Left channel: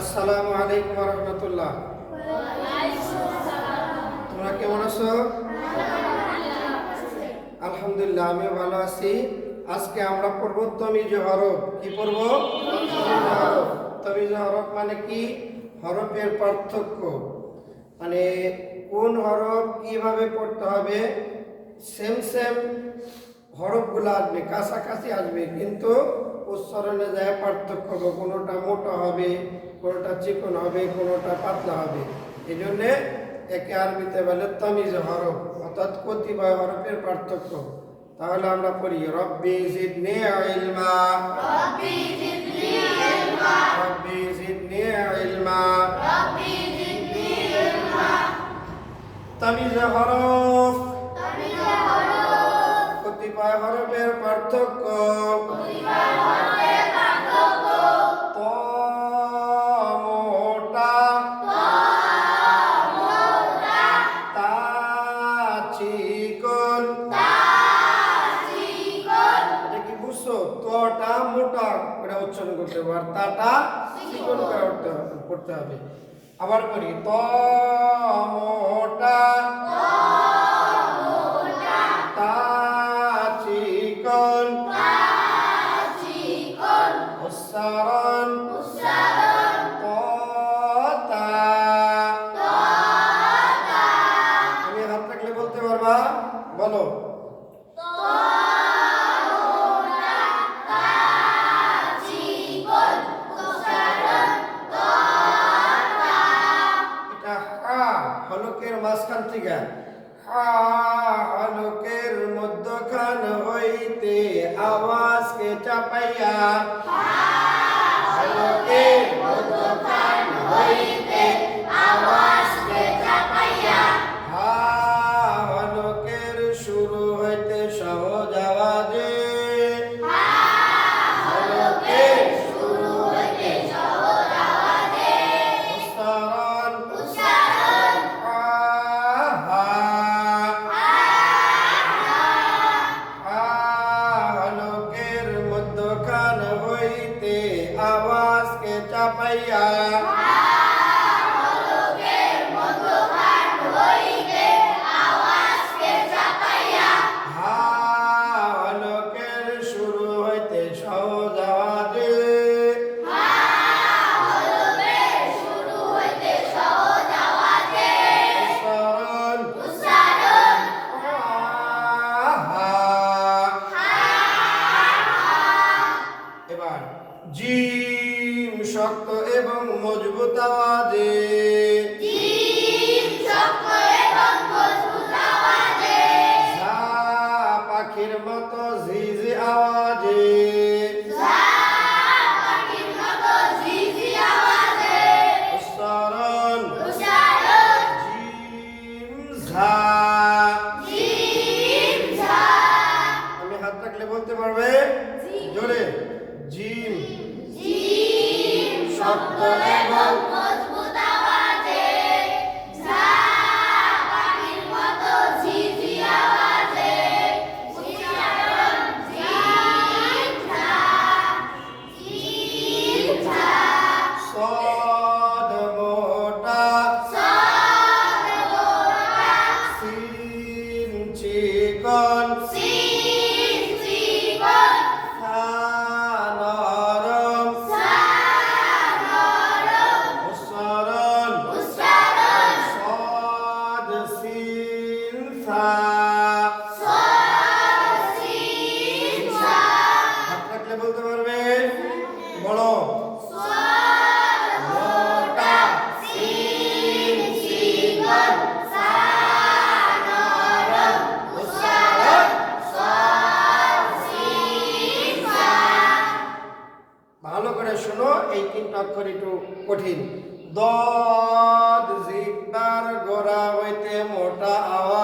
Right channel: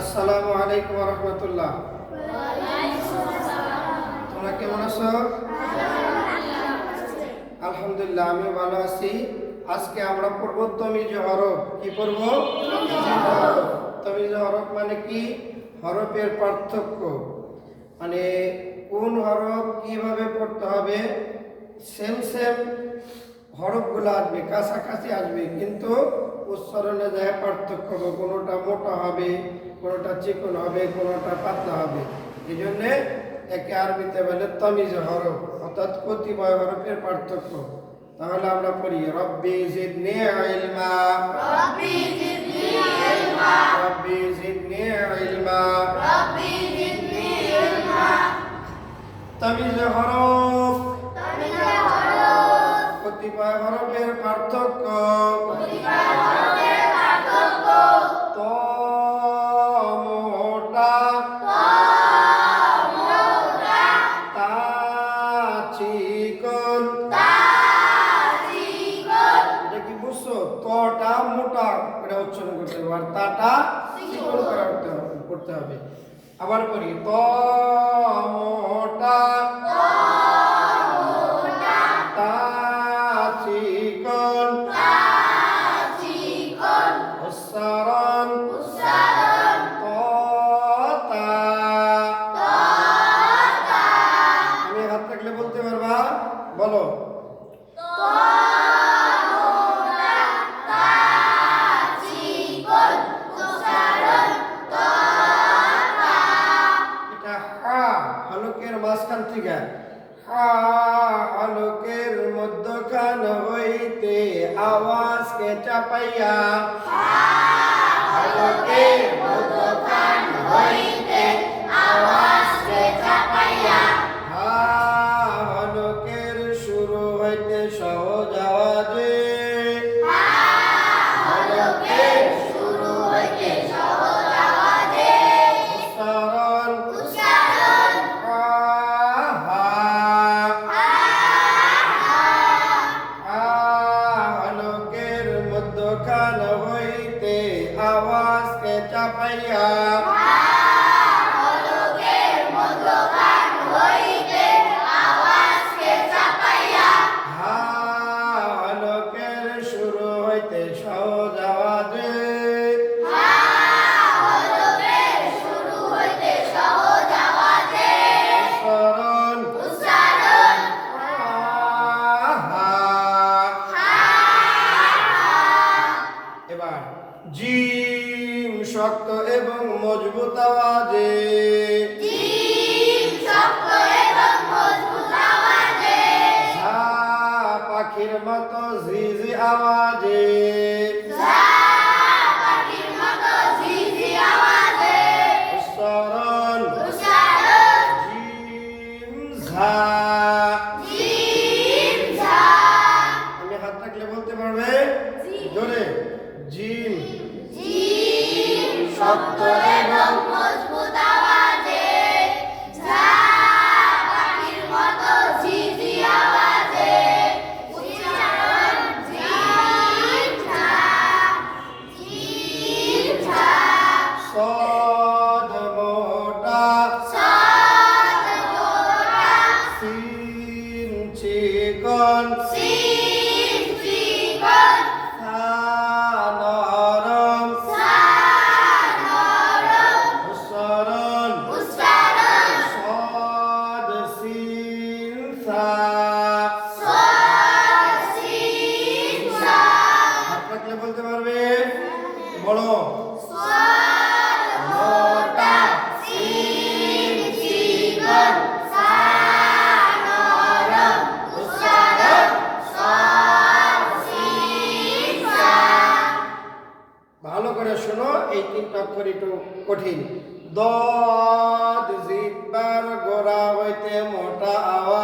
আসসালামু আলাইকুম রহমতুল্লাহ। তোমরা কেমন আছো? আলহামদুলিল্লাহ, আমিও ভালো আছি। আজকে আমরা পড়ব তমিজ হরফ। কি পড়ব? তমিজ হরফ মানে কি? হরফের পার্থক্য। মানে কোন হরফ কীভাবে পড়তে হবে? সেম সেম হরফগুলো আসবে, কাছাকাছি আসবে, কিন্তু উচ্চারণে যায় পার্থক্য কোনোটা মোটা হবে। কোনোটা চিকন হবে কোনোটা পাতলা হবে। এই জন্যে একে আরবিতে বলে তমিজ হরফ অর্থাৎ কতিপয় হরফের পার্থক্য। তাহলে আমরা পড়ি রব্বি জিদনি ইলমা। রব্বি জিদনি ইলমা। তমিজ হরফ। কতিপয় হরফের পার্থক্য। করতে হবে। আর তাটা চিকন করে পড়তে হবে। আবার করি ত হা হলকের মধ্যখান হইতে আওয়াজকে চাপাইয়া, আলোকের মধ্যখান হইতে আওয়াজকে চাপাইয়া, হা হলকের শুরু হইতে সহজ মধ্যখান হইতে আওয়াজকে চাপাইয়া হা জিম শক্ত এবং মজবুত আওয়াজে। ঝা পাখির মতো ঝিঝি আওয়াজে। শক্ত এবং দদ জিব্বার গোড়া হইতে মোটা আওয়াজে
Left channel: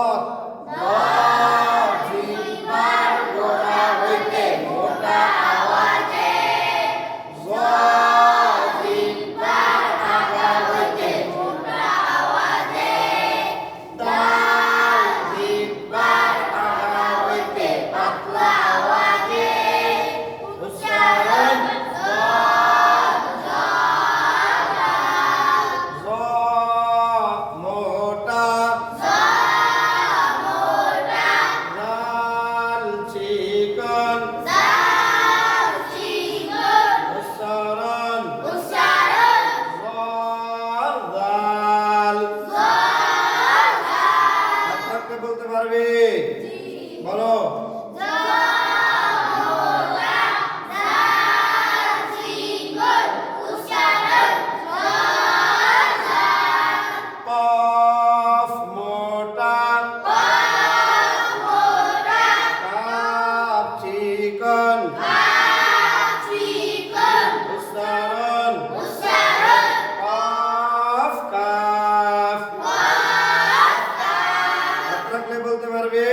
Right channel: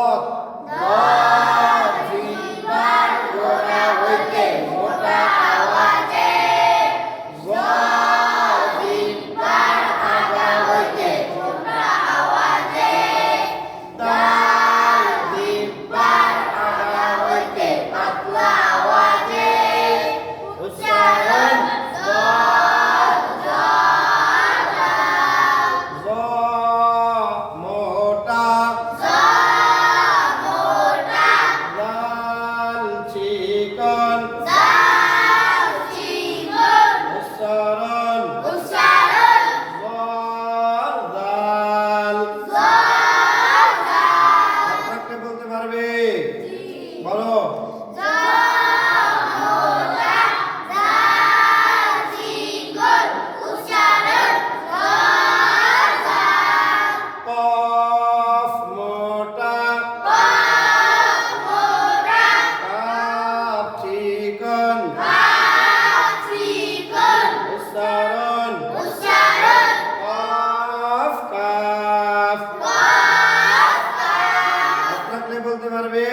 রাখলে বলতে পারবে?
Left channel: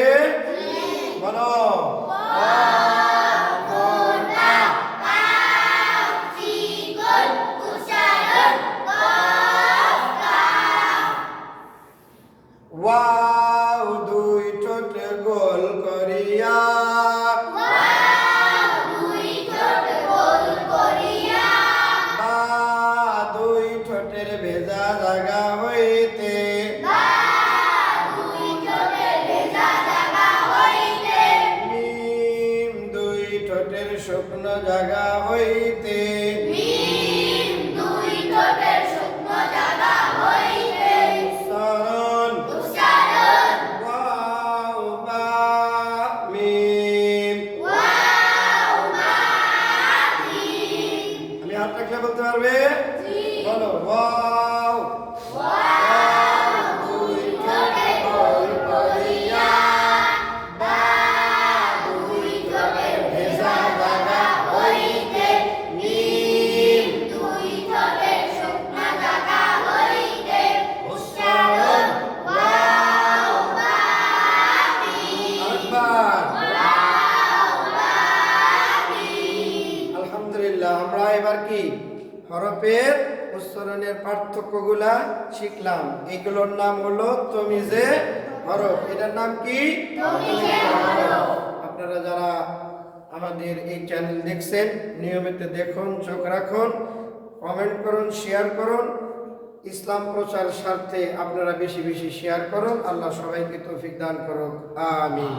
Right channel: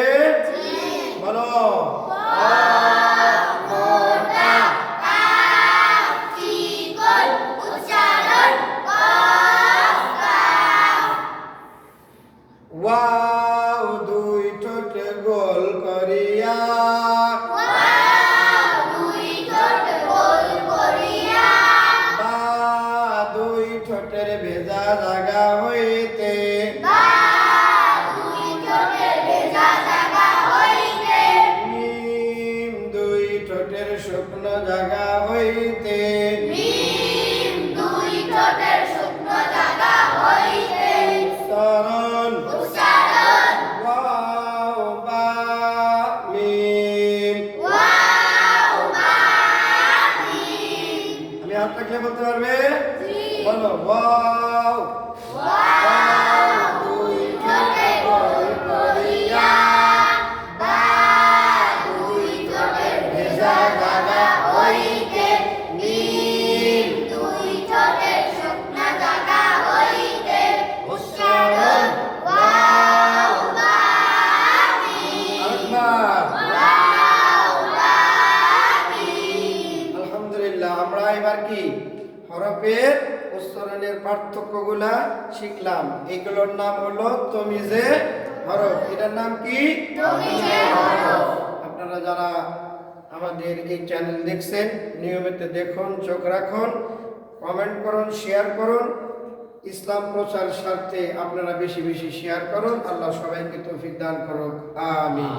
বলো। শুকনো জায়গা হইতে। বা বলতে পারবে? বলো ওয়াও আমরা এবার কি? হরফের উচ্চারণের পার্থক্যগুলা শিখলাম। এইগুলোর নাম হলো তমিজে হরফ। এটার নাম কি? আপনারা যারা আমাদের এই চ্যানেল দেখছেন নিয়মিত দেখুন চোখ রাখুন কমেন্ট করুন শেয়ার করুন। ইসলাম প্রচার স্বার্থে আপনারা বেশি বেশি শেয়ার করুন। আল্লাহ সবাইকে তৌফিক দান করুক। আমিন।